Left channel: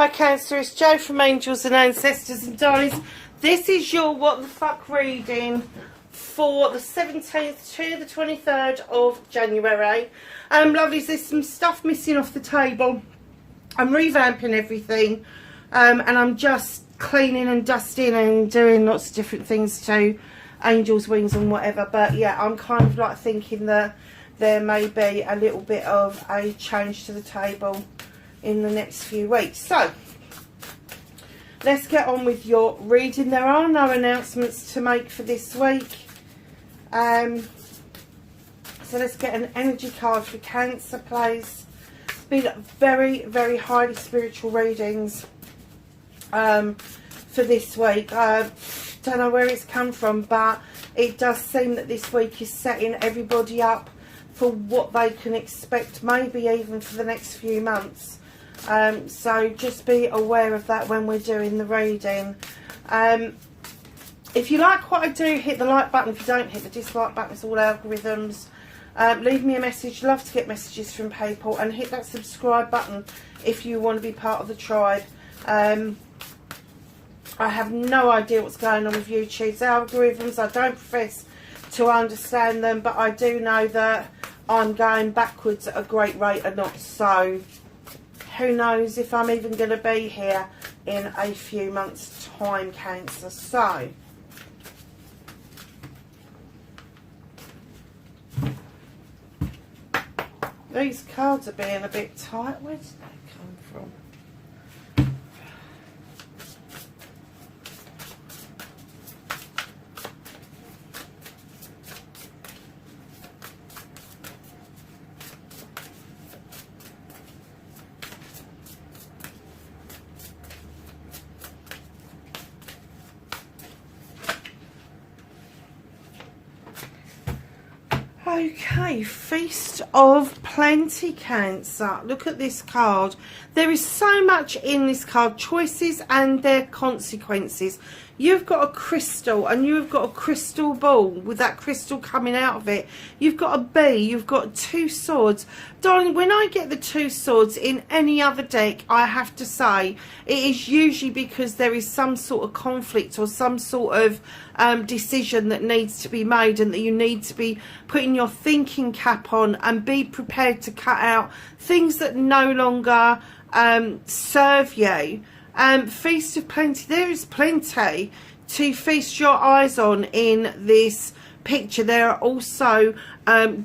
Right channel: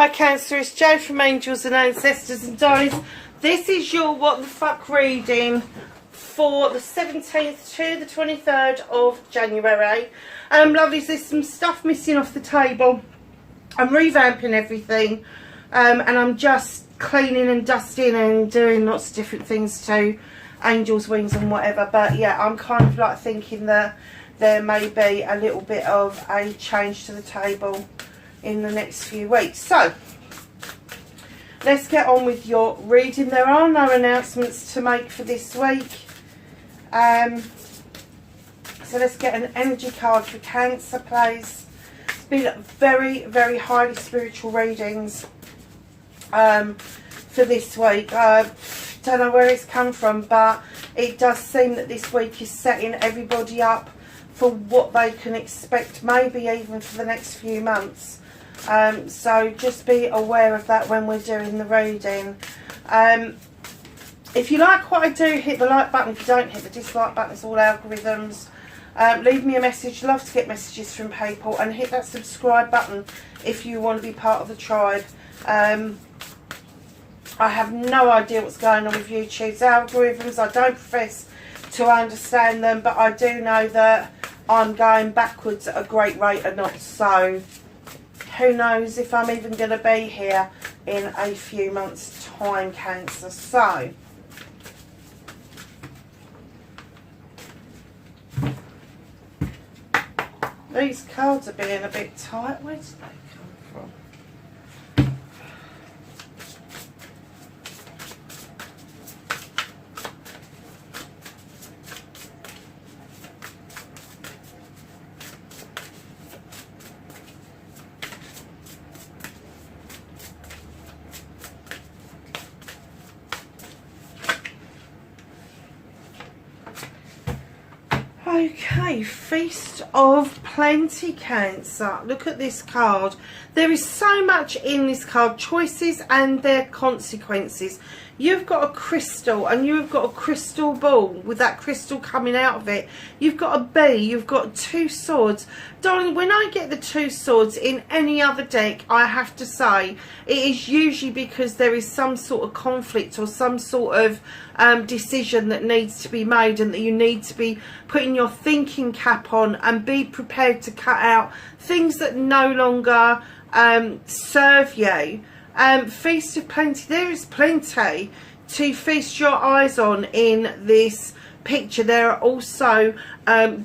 Hi Cancer, it's Jo from Angels and Ancestors and Darlings. This is your What the Fuck reading for the 17th to the 23rd of January. Lovelies, there's some stuff missing off the table. I'm revamping everything and I'm just cleaning and dusting and doing lots of different things to Angel's wings and whatever. But yeah, I'm kind of like thinking that there may be a little bit of a change to the table in the next few weeks. So let's get on with your reading. There are no announcements to make for this week, so let's get an energy card for Cancer, please. It's been very, very highly spiritual readings for this week. Don't know where it's come from, but it does seem that this week is setting everybody up for what they can expect, maybe even for the next few months. So just be aware of that when we're doing the reading. If you like what I do, hit the like button. If you don't, hit the dislike button. It's all algorithms. Leave me a message. Love to get messages from people. And hit that subscribe button if you want to be part of the tribe. I have no idea what's going on with YouTube's algorithms. I don't profess to understand them, but I do know that I'm going backwards at a great rate or not. So who knows if I'm even going to be here in a few months' time, Cancer. So these cards are being a bit tight. Where did they come from? Okay, Feast of Plenty, Cancer. Look at this card. There is so much in this card. Choices and their consequences. You've got a crystal and you've got a crystal ball with that crystal coming out of it. You've got a bee. You've got two swords. Darling, when I get the two swords in any other deck, I have to say it is usually because there is some sort of conflict or some sort of decision that needs to be made, and that you need to be putting your thinking cap on and be prepared to cut out things that no longer serve you. Feast of Plenty. There is plenty to feast your eyes on in this picture. There are also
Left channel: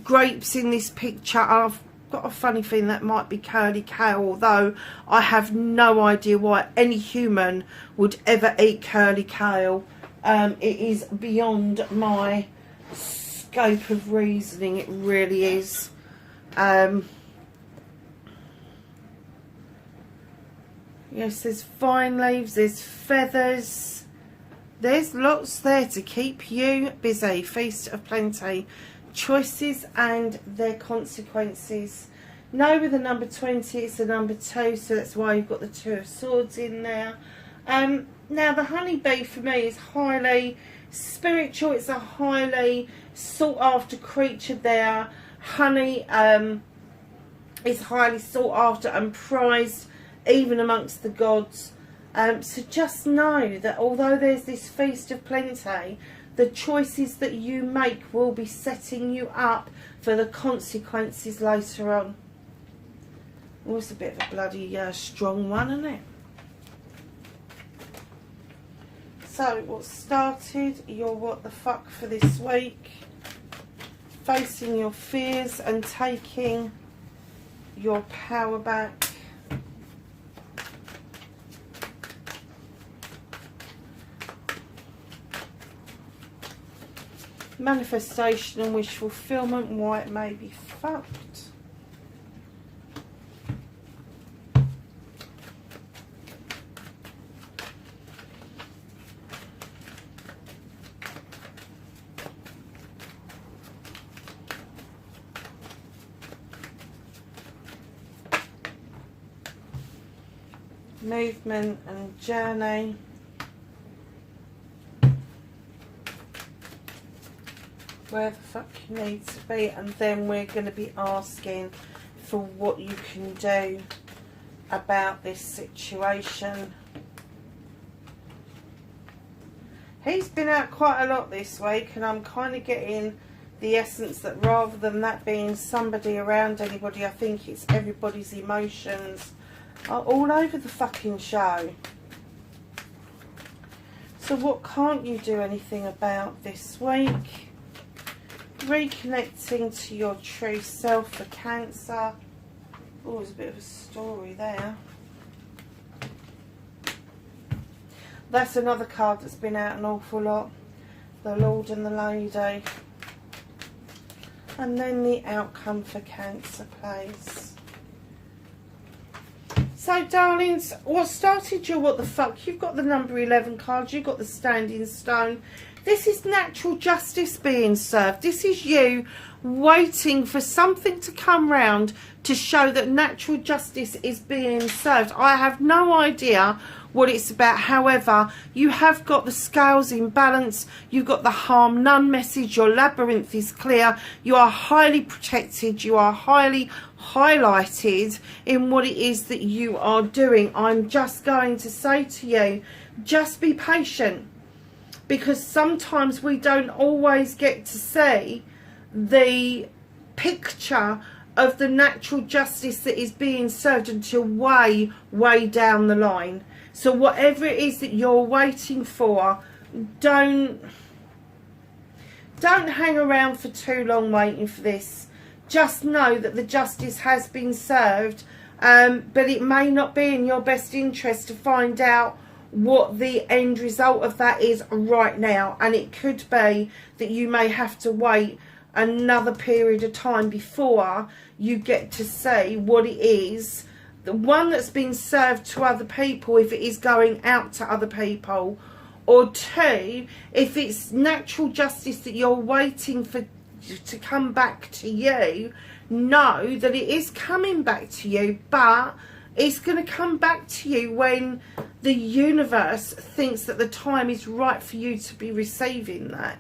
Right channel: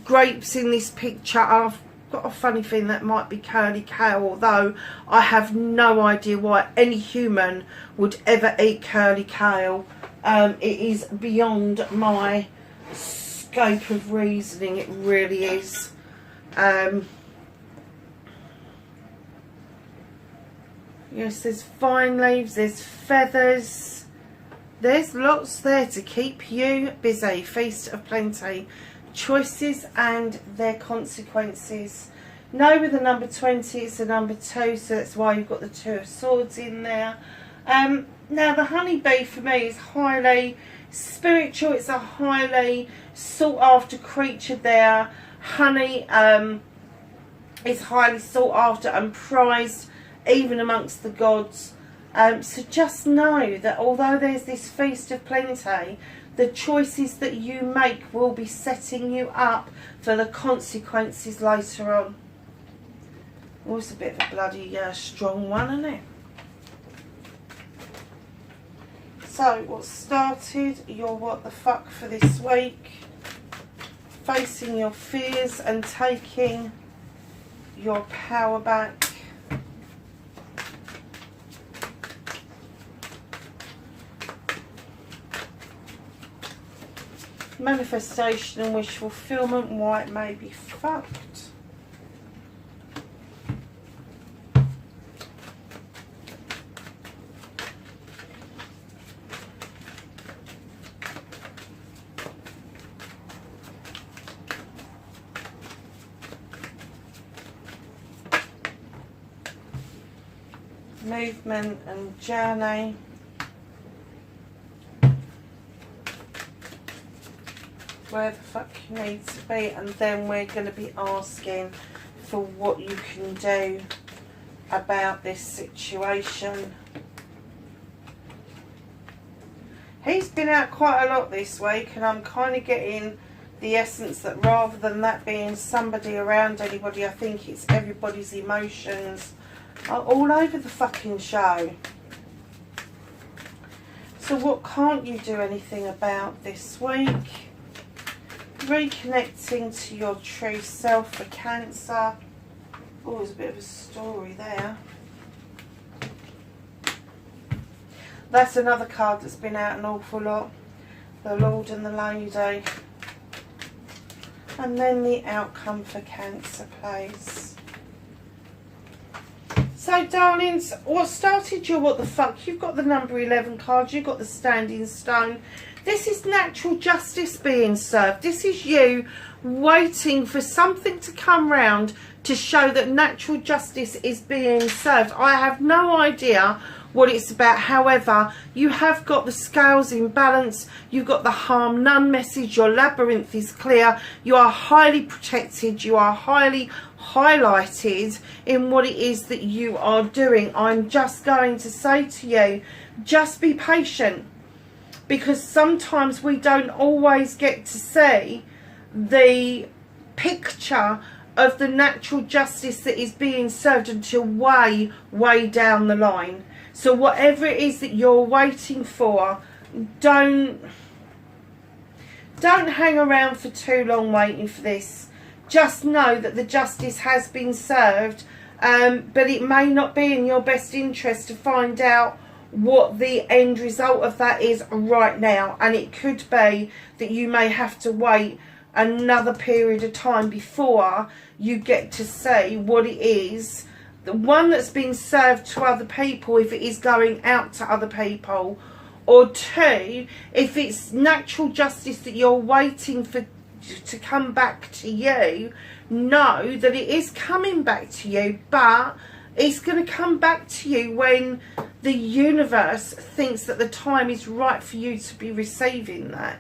grapes in this picture. I've got a funny feeling that might be curly kale, although I have no idea why any human would ever eat curly kale. It is beyond my scope of reasoning. It really is. Yes, there's vine leaves, there's feathers. There's lots there to keep you busy. Feast of Plenty. Choices and their consequences. No, with the number 20, it's the number 2, so that's why you've got the 2 of Swords in there. Now, the honeybee for me is highly spiritual. It's a highly sought after creature there. Honey is highly sought after and prized even amongst the gods. So just know that although there's this Feast of Plenty, the choices that you make will be setting you up for the consequences later on. Oh, it's a bit of a bloody strong one, isn't it? So, what started your What the Fuck for this week? Facing your fears and taking your power back. Manifestation and wish fulfillment, why it may be fucked. Movement and journey. Where the fuck you need to be, and then we're going to be asking for what you can do about this situation. He's been out quite a lot this week, and I'm kind of getting the essence that rather than that being somebody around anybody, I think it's everybody's emotions are all over the fucking show. So what can't you do anything about this week? Reconnecting to your true self for Cancer. Oh, there's a bit of a story there. That's another card that's been out an awful lot. The Lord and the Lady. And then the outcome for Cancer, please. So, darlings, what started your what the fuck? You've got the number 11 card. You've got the Standing Stone. This is natural justice being served. This is you waiting for something to come round to show that natural justice is being served. I have no idea what it's about. However, you have got the scales in balance. You've got the harm none message. Your labyrinth is clear. You are highly protected. You are highly highlighted in what it is that you are doing. I'm just going to say to you, just be patient, because sometimes we don't always get to see the picture of the natural justice that is being served until way down the line. So whatever it is that you're waiting for, don't hang around for too long waiting for this. Just know that the justice has been served, but it may not be in your best interest to find out what the end result of that is right now. And it could be that you may have to wait another period of time before you get to see what it is, the one that's been served to other people, if it is going out to other people, or two, if it's natural justice that you're waiting for to come back to you. Know that it is coming back to you, but it's going to come back to you when the universe thinks that the time is right for you to be receiving that.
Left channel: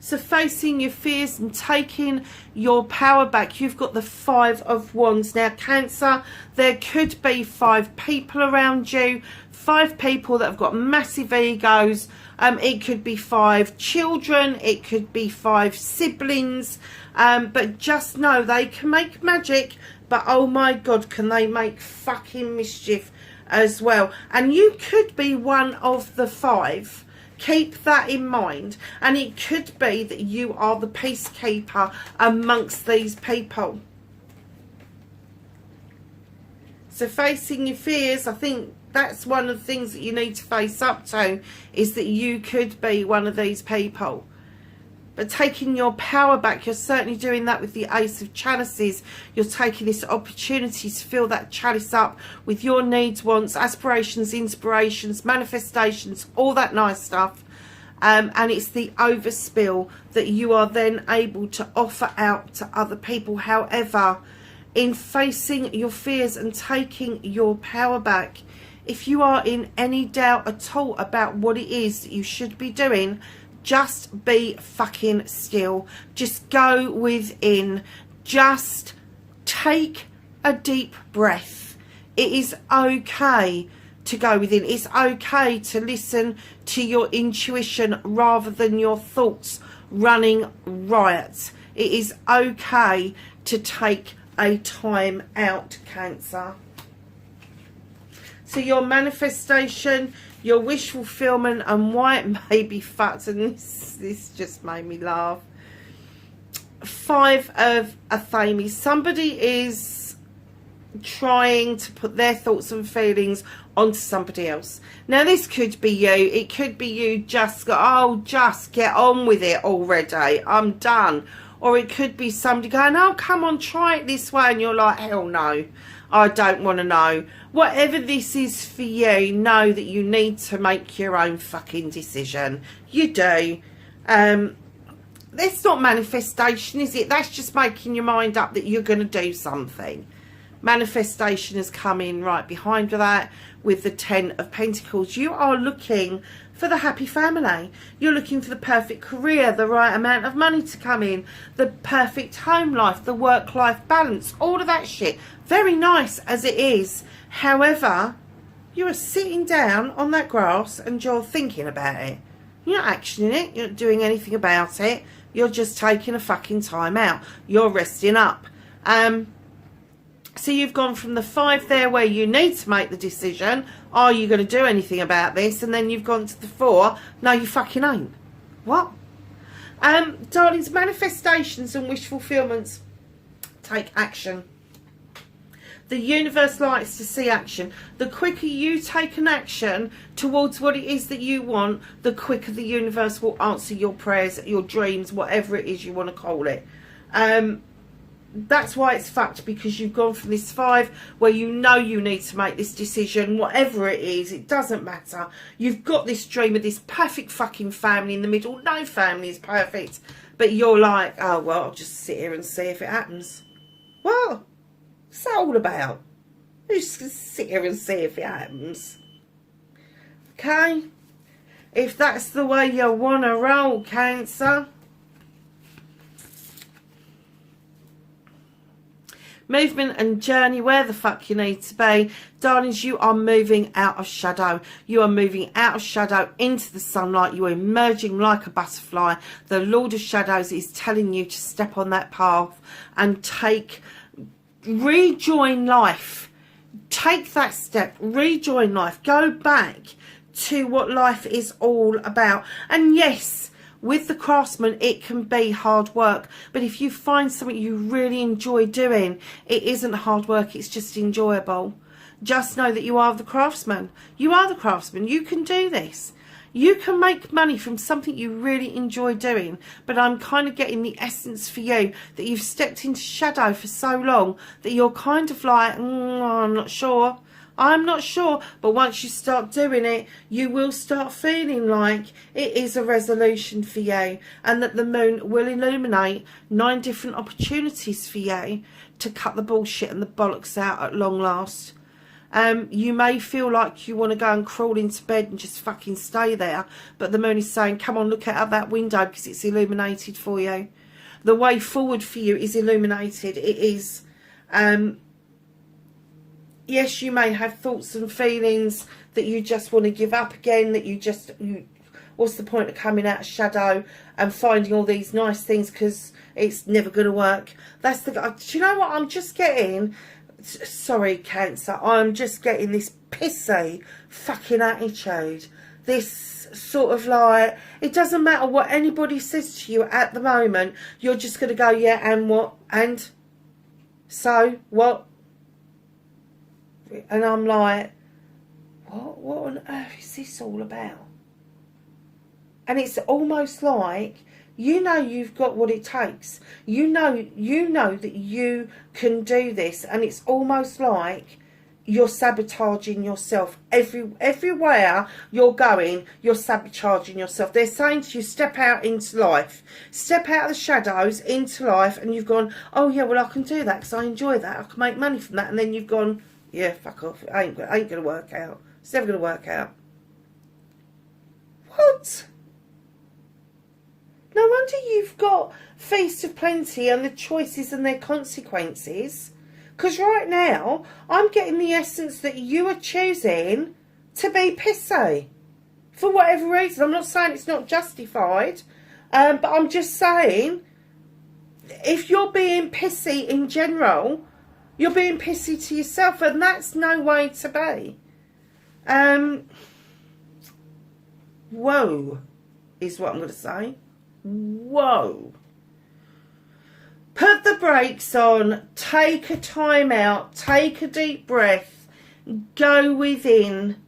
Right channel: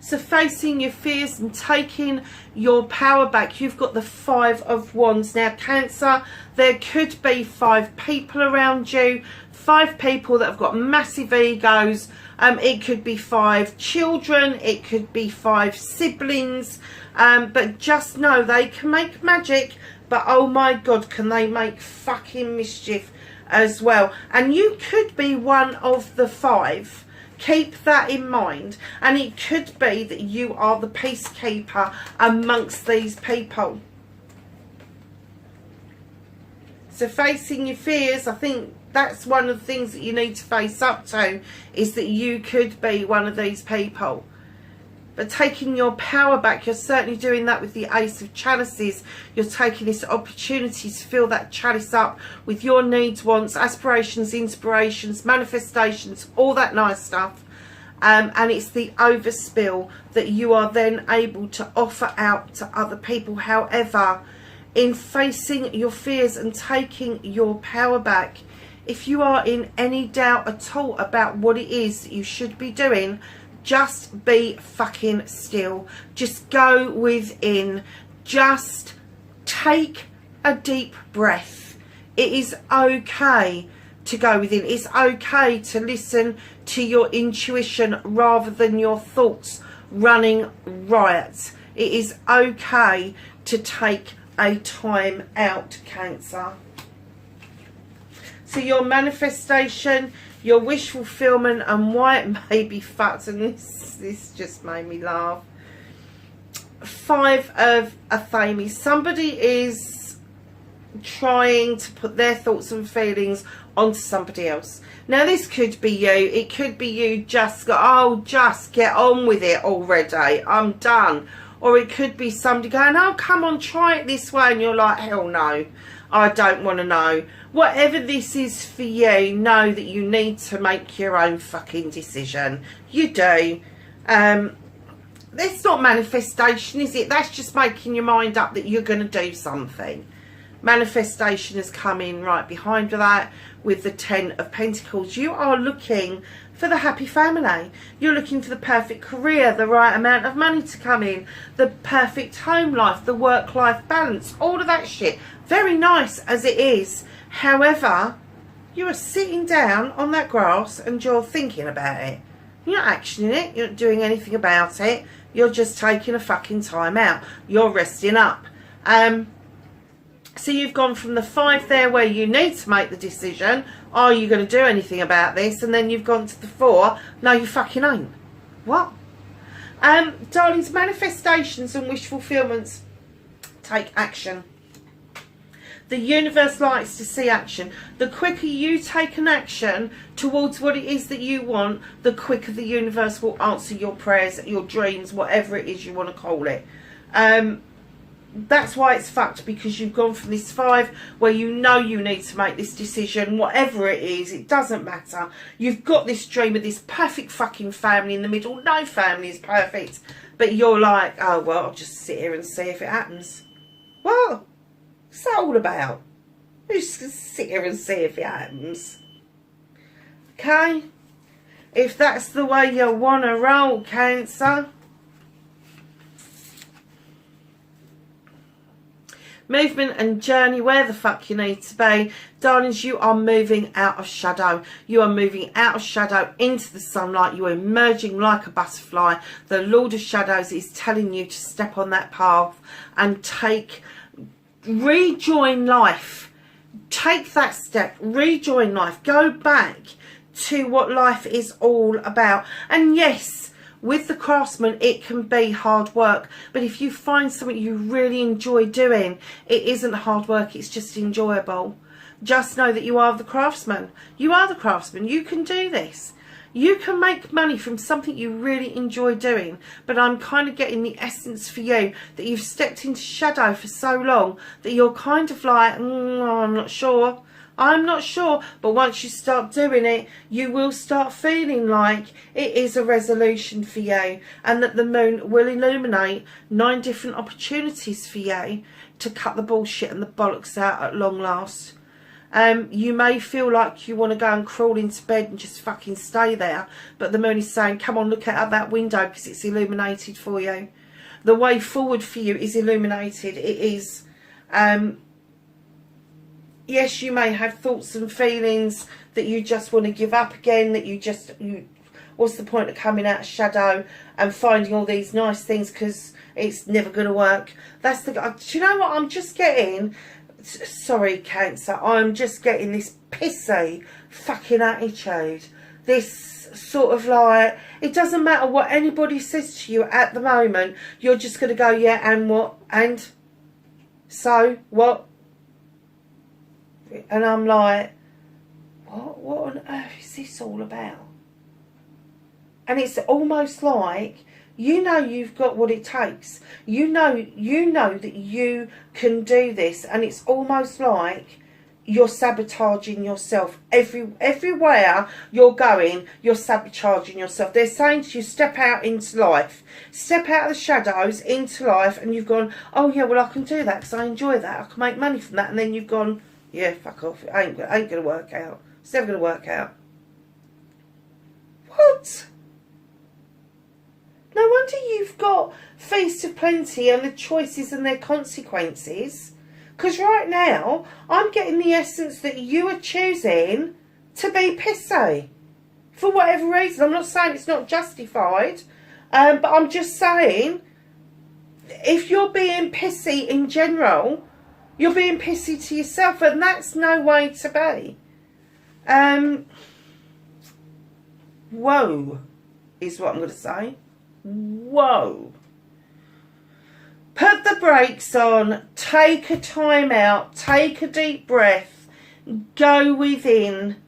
So facing your fears and taking your power back, you've got the 5 of Wands. Now, Cancer, there could be 5 people around you, 5 people that have got massive egos. It could be 5 children, it could be 5 siblings, but just know they can make magic, but oh my God, can they make fucking mischief as well. And you could be one of the 5. Keep that in mind. And it could be that you are the peacekeeper amongst these people. So facing your fears, I think that's one of the things that you need to face up to, is that you could be one of these people. But taking your power back, you're certainly doing that with the Ace of Chalices. You're taking this opportunity to fill that chalice up with your needs, wants, aspirations, inspirations, manifestations, all that nice stuff. And it's the overspill that you are then able to offer out to other people. However, in facing your fears and taking your power back, if you are in any doubt at all about what it is that you should be doing, just be fucking still. Just go within. Just take a deep breath. It is okay to go within. It's okay to listen to your intuition rather than your thoughts running riot. It is okay to take a time out, Cancer. So your manifestation, your wish fulfillment, and why it may be fucked, and this just made me laugh. 5 of Athame. Somebody is trying to put their thoughts and feelings onto somebody else. Now this could be you. It could be you just go, oh, just get on with it already, I'm done. Or it could be somebody going, oh, come on, try it this way, and you're like, hell no, I don't want to know. Whatever this is for you, know that you need to make your own fucking decision. You do. That's not manifestation, is it? That's just making your mind up that you're going to do something. Manifestation has come in right behind that with the 10 of Pentacles. You are looking for the happy family. You're looking for the perfect career, the right amount of money to come in, the perfect home life, the work-life balance, all of that shit. Very nice as it is. However, you are sitting down on that grass and you're thinking about it. You're not actioning it. You're not doing anything about it. You're just taking a fucking time out. You're resting up. So you've gone from the 5 there where you need to make the decision, are you going to do anything about this? And then you've gone to the 4, no you fucking ain't. What? Darlings, manifestations and wish fulfillments take action. The universe likes to see action. The quicker you take an action towards what it is that you want, the quicker the universe will answer your prayers, your dreams, whatever it is you want to call it. That's why it's fucked, because you've gone from this 5 where you know you need to make this decision, whatever it is, it doesn't matter. You've got this dream of this perfect fucking family in the middle. No family is perfect, but you're like, oh well, I'll just sit here and see if it happens. What? What's that all about? You just sit here and see if it happens. Okay? If that's the way you want to roll, Cancer. Movement and journey, where the fuck you need to be. Darlings, you are moving out of shadow. You are moving out of shadow into the sunlight. You are emerging like a butterfly. The Lord of Shadows is telling you to step on that path and rejoin life. Take that step, rejoin life. Go back to what life is all about. And yes, with the craftsman, it can be hard work. But if you find something you really enjoy doing, it isn't hard work, it's just enjoyable. Just know that you are the craftsman. You are the craftsman. You can do this. You can make money from something you really enjoy doing. But I'm kind of getting the essence for you that you've stepped into shadow for so long that you're kind of like, I'm not sure. I'm not sure, but once you start doing it, you will start feeling like it is a resolution for you, and that the moon will illuminate 9 different opportunities for you to cut the bullshit and the bollocks out at long last. You may feel like you want to go and crawl into bed and just fucking stay there, but the moon is saying, come on, look out that window because it's illuminated for you. The way forward for you is illuminated. It is... yes, you may have thoughts and feelings that you just want to give up again, that what's the point of coming out of shadow and finding all these nice things because it's never going to work. That's the... Do you know what I'm just getting? Sorry, Cancer. I'm just getting this pissy fucking attitude. This sort of like, it doesn't matter what anybody says to you at the moment. You're just going to go, yeah, and what? And? So, what? And I'm like, what on earth is this all about? And it's almost like, you know you've got what it takes. You know that you can do this. And it's almost like you're sabotaging yourself. Everywhere you're going, you're sabotaging yourself. They're saying to you, step out into life. Step out of the shadows into life. And you've gone, oh yeah, well I can do that because I enjoy that. I can make money from that. And then you've gone, yeah, fuck off. It ain't going to work out. It's never going to work out. What? No wonder you've got Feast of Plenty and the choices and their consequences. Because right now, I'm getting the essence that you are choosing to be pissy. For whatever reason. I'm not saying it's not justified. But I'm just saying, if you're being pissy in general... You're being pissy to yourself, and that's no way to be. Whoa, is what I'm going to say. Whoa. Put the brakes on, take a time out, take a deep breath, go within.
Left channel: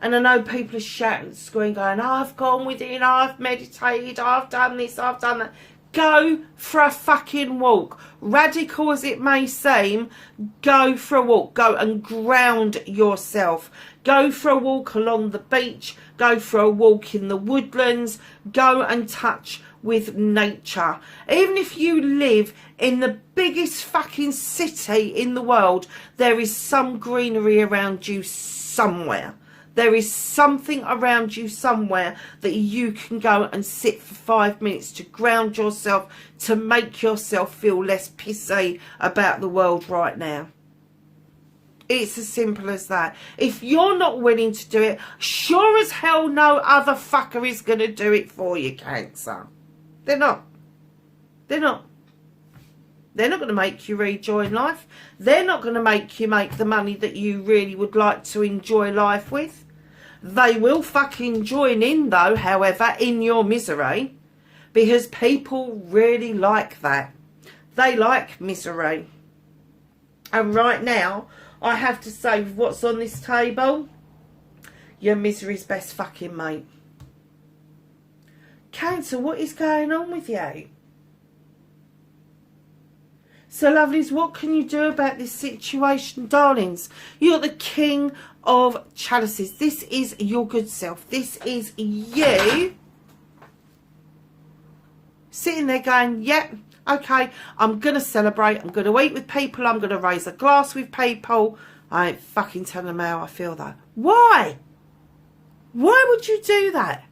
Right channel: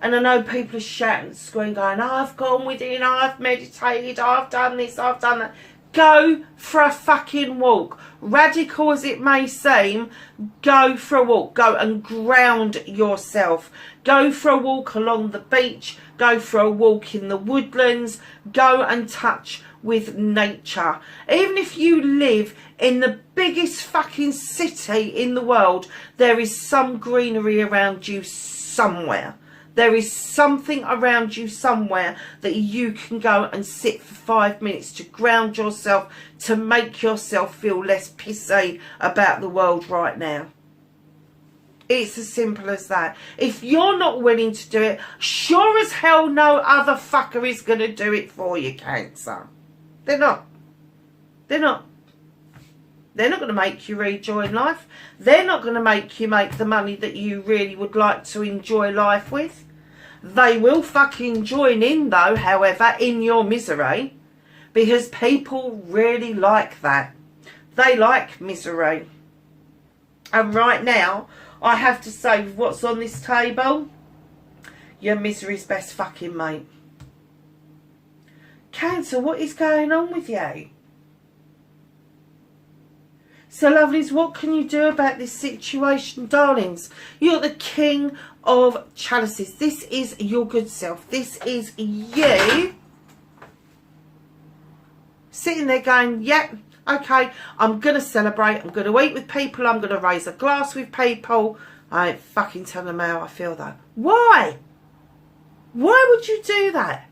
And I know people are shouting and screaming, going, I've gone within, I've meditated, I've done this, I've done that. Go for a fucking walk. Radical as it may seem, go for a walk. Go and ground yourself. Go for a walk along the beach. Go for a walk in the woodlands. Go and touch with nature. Even if you live in the biggest fucking city in the world, there is some greenery around you somewhere. There is something around you somewhere that you can go and sit for 5 minutes to ground yourself, to make yourself feel less pissy about the world right now. It's as simple as that. If you're not willing to do it, sure as hell no other fucker is going to do it for you, Cancer. They're not. They're not. They're not going to make you rejoin life. They're not going to make you make the money that you really would like to enjoy life with. They will fucking join in though, however, in your misery. Because people really like that. They like misery. And right now, I have to say, with what's on this table, your misery's best fucking mate. Cancer, what is going on with you? So, lovelies, what can you do about this situation, darlings? You're the King of Chalices. This is your good self. This is you sitting there going, yep, okay, I'm going to celebrate. I'm going to eat with people. I'm going to raise a glass with people. I ain't fucking telling them how I feel, though. Why? Why would you do that?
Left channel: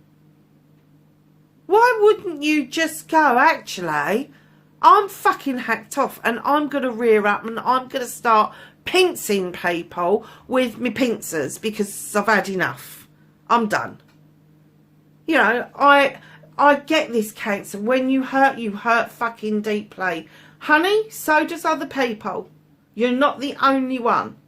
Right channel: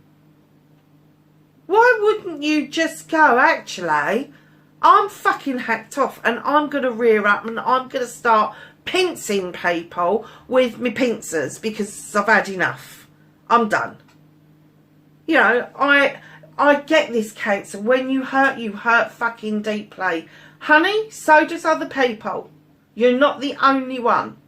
Why wouldn't you just go, actually, I'm fucking hacked off and I'm going to rear up and I'm going to start pincing people with me pincers because I've had enough. I'm done. You know, I get this, Cancer. When you hurt fucking deeply. Honey, so does other people. You're not the only one.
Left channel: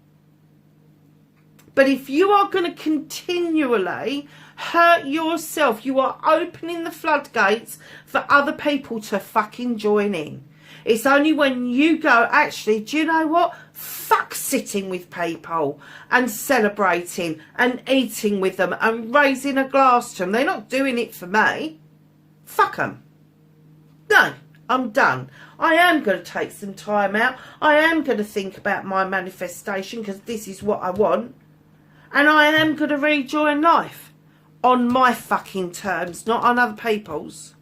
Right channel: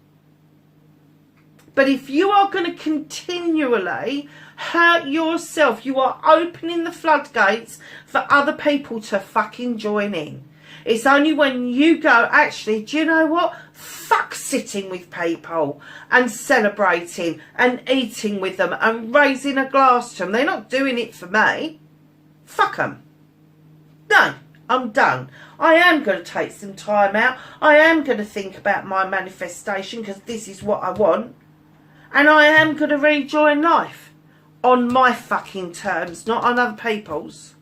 But if you are going to continually hurt yourself, you are opening the floodgates for other people to fucking join in. It's only when you go, actually, do you know what? Fuck sitting with people and celebrating and eating with them and raising a glass to them. They're not doing it for me. Fuck them. No, I'm done. I am going to take some time out. I am going to think about my manifestation because this is what I want. And I am going to rejoin life on my fucking terms, not on other people's.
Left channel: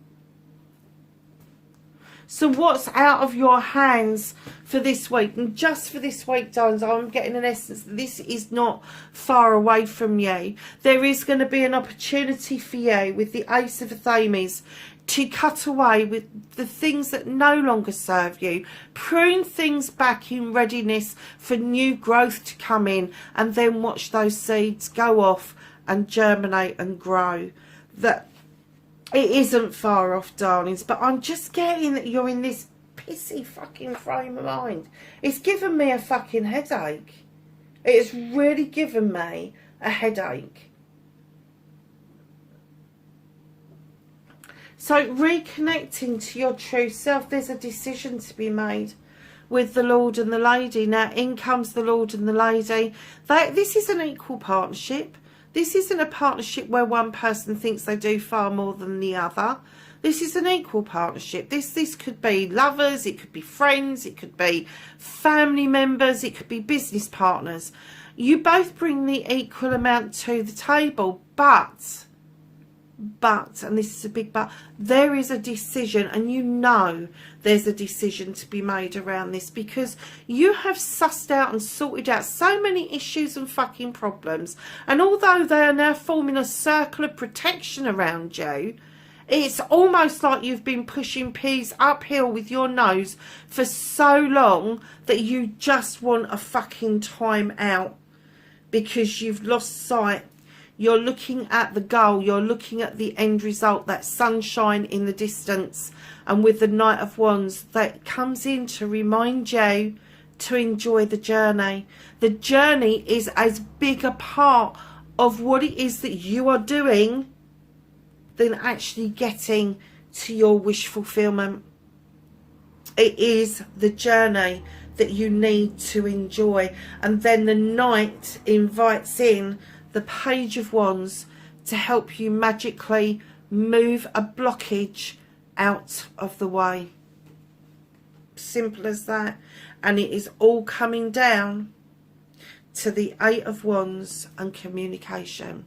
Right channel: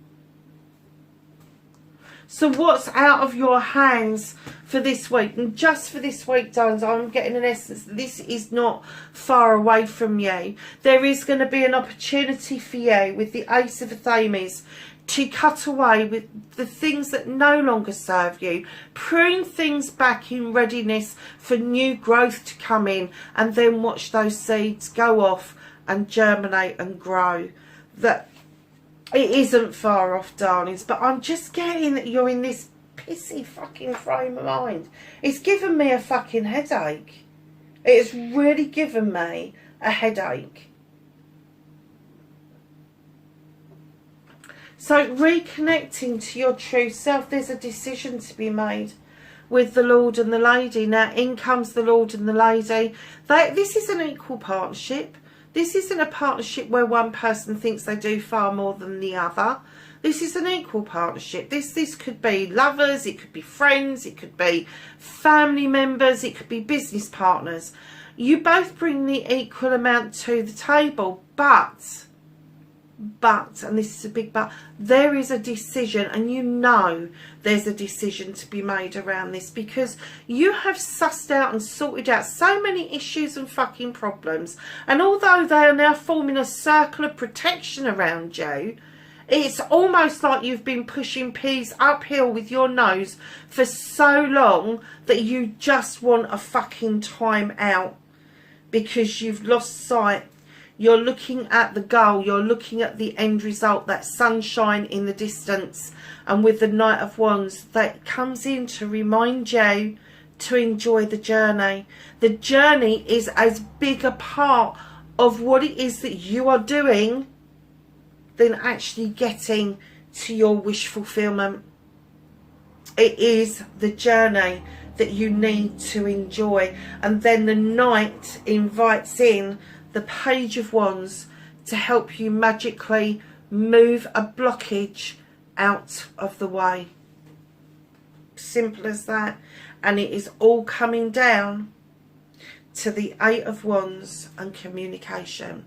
So what's out of your hands for this week? And just for this week, darlings, I'm getting an essence that this is not far away from you. There is going to be an opportunity for you with the Ace of Athames to cut away with the things that no longer serve you, prune things back in readiness for new growth to come in, and then watch those seeds go off and germinate and grow. That it isn't far off, darlings, but I'm just getting that you're in this pissy fucking frame of mind. It's given me a fucking headache. It's really given me a headache. So reconnecting to your true self, there's a decision to be made with the Lord and the Lady. Now in comes the Lord and the Lady. This is an equal partnership. This isn't a partnership where one person thinks they do far more than the other. This is an equal partnership. This could be lovers, it could be friends, it could be family members, it could be business partners. You both bring the equal amount to the table, but, and this is a big but, there is a decision, and you know there's a decision to be made around this because you have sussed out and sorted out so many issues and fucking problems, and although they are now forming a circle of protection around you, it's almost like you've been pushing peas uphill with your nose for so long that you just want a fucking time out because you've lost sight. You're looking at the goal, you're looking at the end result, that sunshine in the distance. And with the Knight of Wands, that comes in to remind you to enjoy the journey. The journey is as big a part of what it is that you are doing than actually getting to your wish fulfillment. It is the journey that you need to enjoy. And then the Knight invites in the Page of Wands to help you magically move a blockage out of the way. Simple as that. And it is all coming down to the Eight of Wands and communication.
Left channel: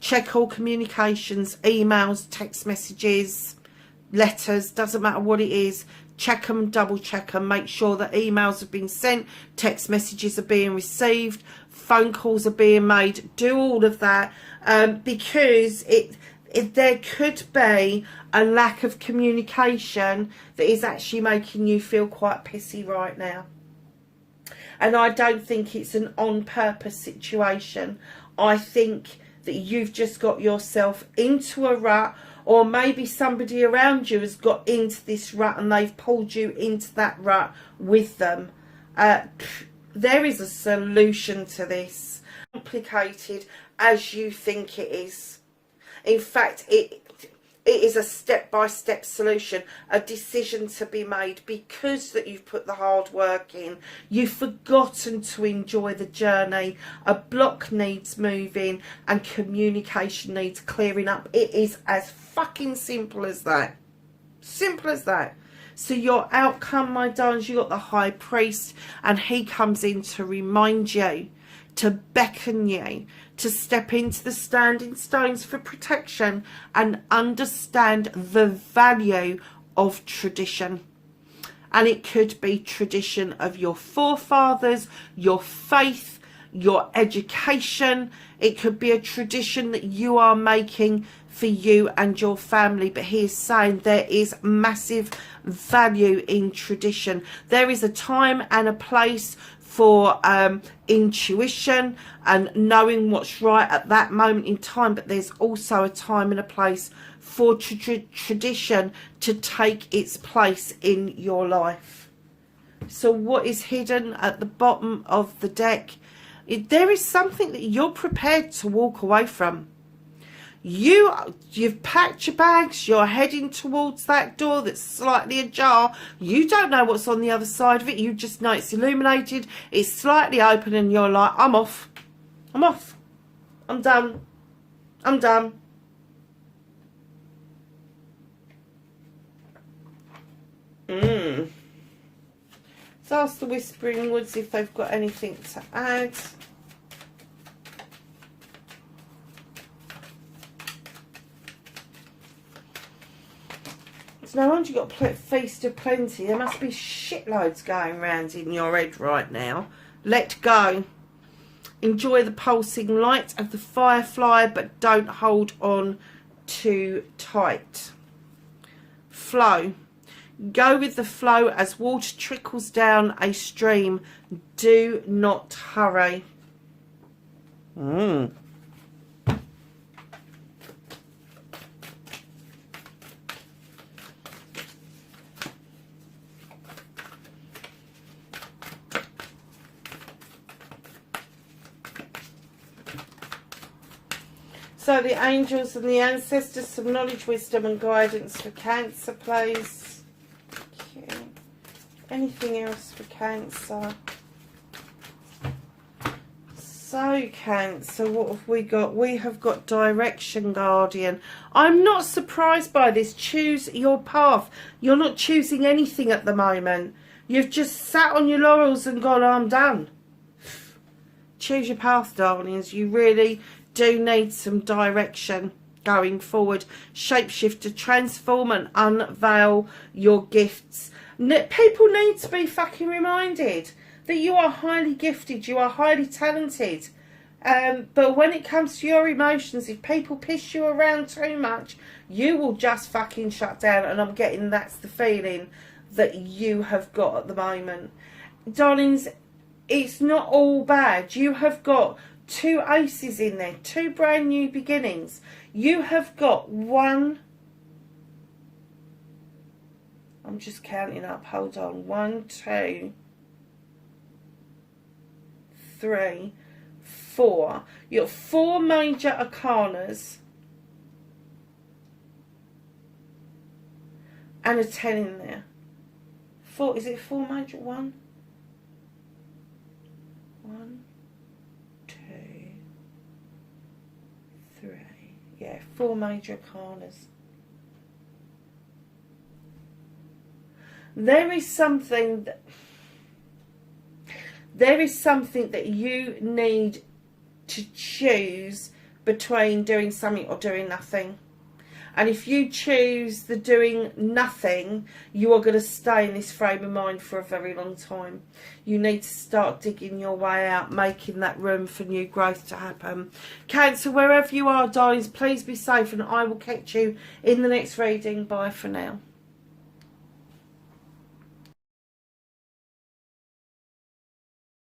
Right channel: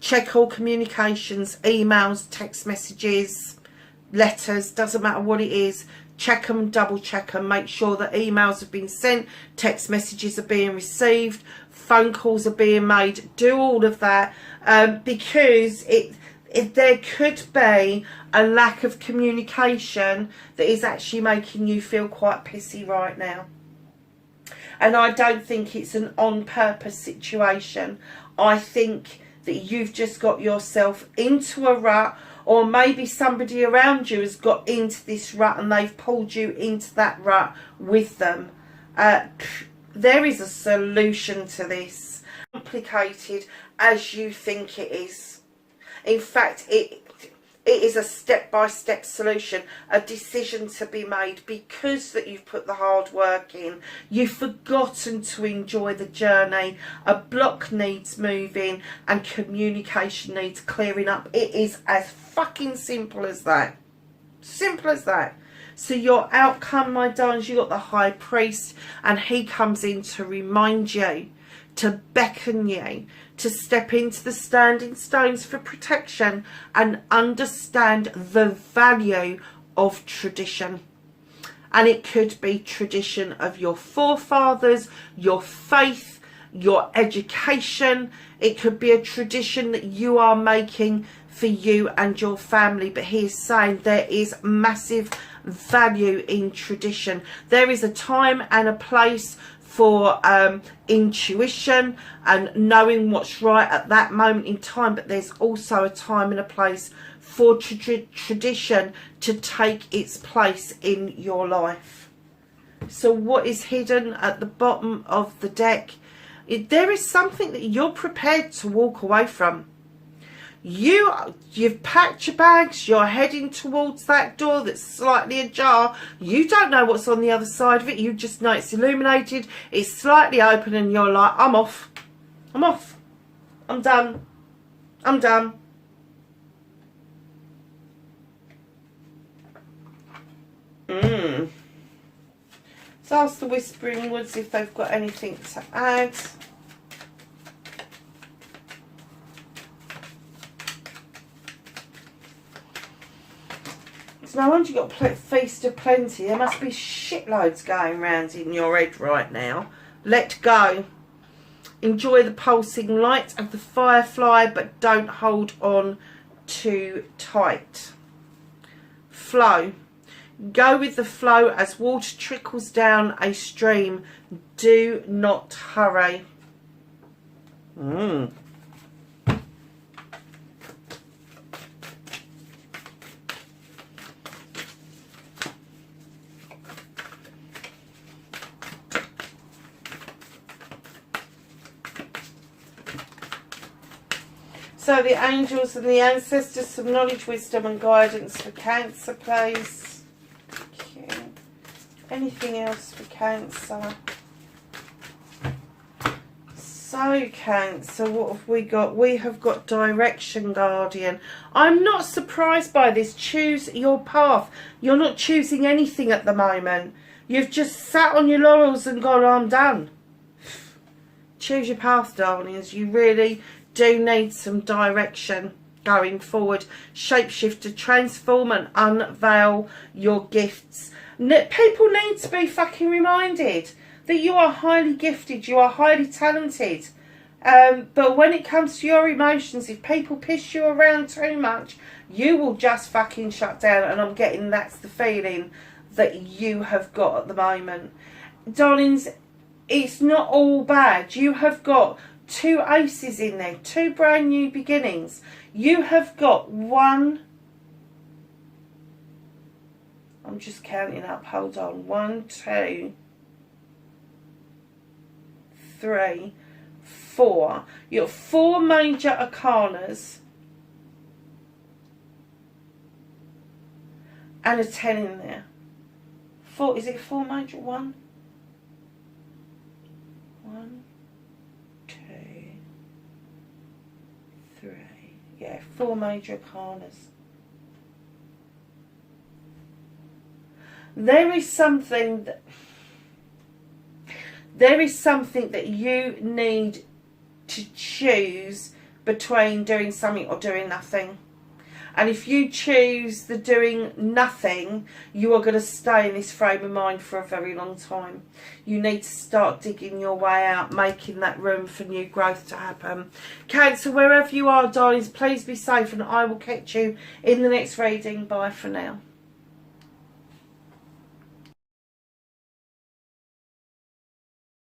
Check all communications, emails, text messages, letters, doesn't matter what it is. check them, double check them, make sure that emails have been sent, text messages are being received, phone calls are being made. Do all of that, because there could be a lack of communication that is actually making you feel quite pissy right now. And I don't think it's an on purpose situation. I think that you've just got yourself into a rut, or maybe somebody around you has got into this rut and they've pulled you into that rut with them. There is a solution to this. Complicated as you think it is. In fact, it is a step-by-step solution, a decision to be made, because that you've put the hard work in. You've forgotten to enjoy the journey. A block needs moving and communication needs clearing up. It is as fucking simple as that. Simple as that. So your outcome, my darlings, you got the High Priest, and he comes in to remind you, to beckon you, to step into the standing stones for protection and understand the value of tradition. And it could be tradition of your forefathers, your faith, your education. It could be a tradition that you are making for you and your family. But he is saying there is massive value in tradition. There is a time and a place for intuition and knowing what's right at that moment in time, but there's also a time and a place for tradition to take its place in your life. So what is hidden at the bottom of the deck? There is something that you're prepared to walk away from. You've packed your bags, you're heading towards that door that's slightly ajar. You don't know what's on the other side of it. You just know it's illuminated, it's slightly open, and you're like, I'm off. I'm off. I'm done. I'm done. So ask the Whispering Woods if they've got anything to add. No wonder you got a feast of plenty. There must be shitloads going around in your head right now. Let go. Enjoy the pulsing light of the firefly, but don't hold on too tight. Flow. Go with the flow as water trickles down a stream. Do not hurry. So the angels and the ancestors, some knowledge, wisdom and guidance for Cancer, please. Thank you. Anything else for Cancer? So Cancer, what have we got? We have got direction, Guardian. I'm not surprised by this. Choose your path. You're not choosing anything at the moment. You've just sat on your laurels and gone, I'm done. Choose your path, darlings. You really do need some direction going forward. Shapeshift to transform and unveil your gifts. People need to be fucking reminded that you are highly gifted, you are highly talented. But when it comes to your emotions, if people piss you around too much, you will just fucking shut down. And I'm getting that's the feeling that you have got at the moment. Darlings, it's not all bad. You have got 2 aces in there, 2 brand new beginnings. You have got 1, I'm just counting up, hold on, 1, 2, 3, 4. You got 4 major arcanas and a 10 in there. 4, is it 4 major? 1, 2, 3. Yeah, 4 major arcanas. There is something that you need to choose between doing something or doing nothing. And if you choose the doing nothing, you are going to stay in this frame of mind for a very long time. You need to start digging your way out, making that room for new growth to happen. Cancer, wherever you are, darlings, please be safe, and I will catch you in the next reading. Bye for now.